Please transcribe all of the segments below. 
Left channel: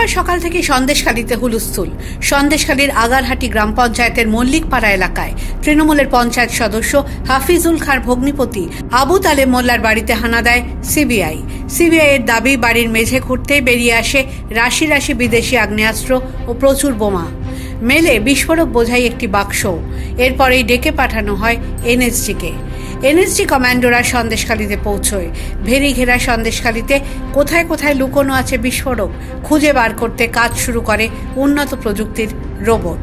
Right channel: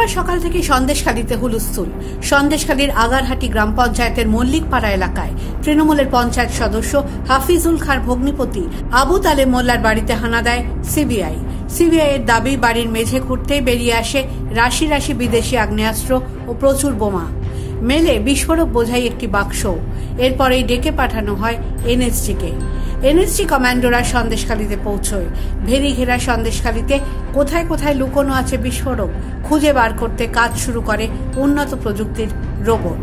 শুক্রবার সকাল থেকে সন্দেশখালীতে হুলস্থুল। সন্দেশখালীর আগারহাটি গ্রাম পঞ্চায়েতের মল্লিকপাড়া এলাকায় তৃণমূলের পঞ্চায়েত সদস্য হাফিজুল খাঁর ভগ্নিপতি আবু তালেব মোল্লার বাড়িতে হানা দেয় সিবিআই। সিবিআই এর দাবি, বাড়ির মেঝে খুঁড়তে বেরিয়ে আসে রাশি রাশি বিদেশি আগ্নেয়াস্ত্র ও প্রচুর বোমা। মেলে বিস্ফোরক বোঝাই একটি বাক্স। এরপরেই ডেকে পাঠানো হয় এনএসজিকে। এনএসজি কমান্ডোরা সন্দেশখালীতে পৌঁছয়। ভেরি ঘেরা সন্দেশখালীতে কোথায় কোথায় লুকোনো আছে বিস্ফোরক খুঁজে বার করতে কাজ শুরু করে উন্নত প্রযুক্তির রোবট।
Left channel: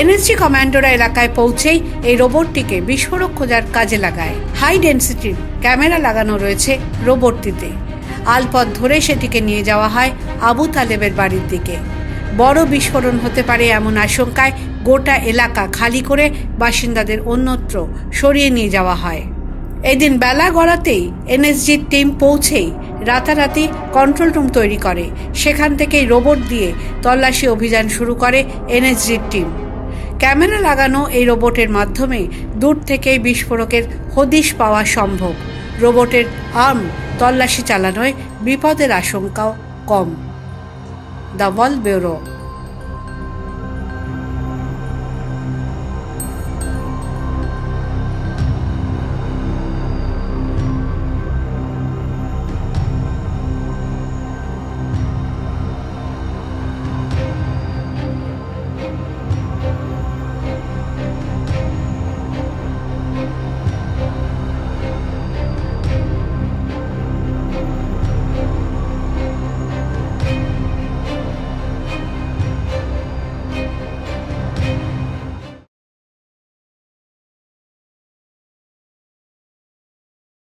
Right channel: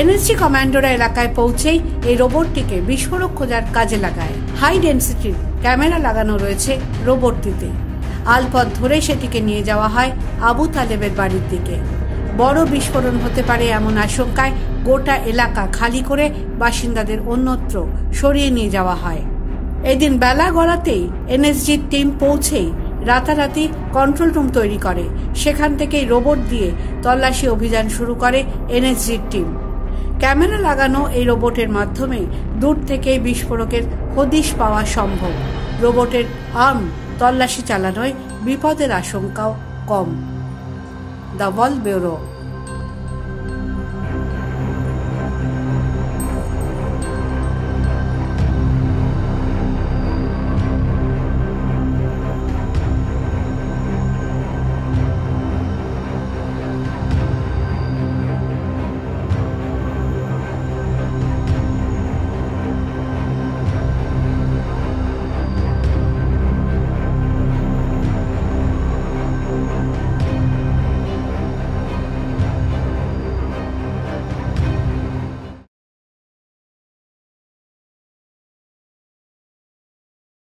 এনএসজি কমান্ডোরা এলাকায় পৌঁছেই এই রোবটটিকে বিস্ফোরক খোঁজার কাজে লাগায়। হাই ডেন্সিটির ক্যামেরা লাগানো রয়েছে রোবটটিতে। আলপথ ধরে সেটিকে নিয়ে যাওয়া হয় আবু তালেবের বাড়ির দিকে। বড় বিস্ফোরণ হতে পারে এমন আশঙ্কায় গোটা এলাকা খালি করে বাসিন্দাদের অন্যত্র সরিয়ে নিয়ে যাওয়া হয়। এদিন বেলা গড়াতেই এনএসজির টিম পৌঁছেই রাতারাতি কন্ট্রোল রুম তৈরি করে। সেখান থেকেই রোবট দিয়ে তল্লাশি অভিযান শুরু করে এনএসজির টিম। ক্যামেরা লাগানো এই রোবটের মাধ্যমে দূর থেকেই বিস্ফোরকের হদিশ পাওয়া সম্ভব। রোবটের আর্ম তল্লাশি চালানোয় বিপদের আশঙ্কাও কম। The world bureau.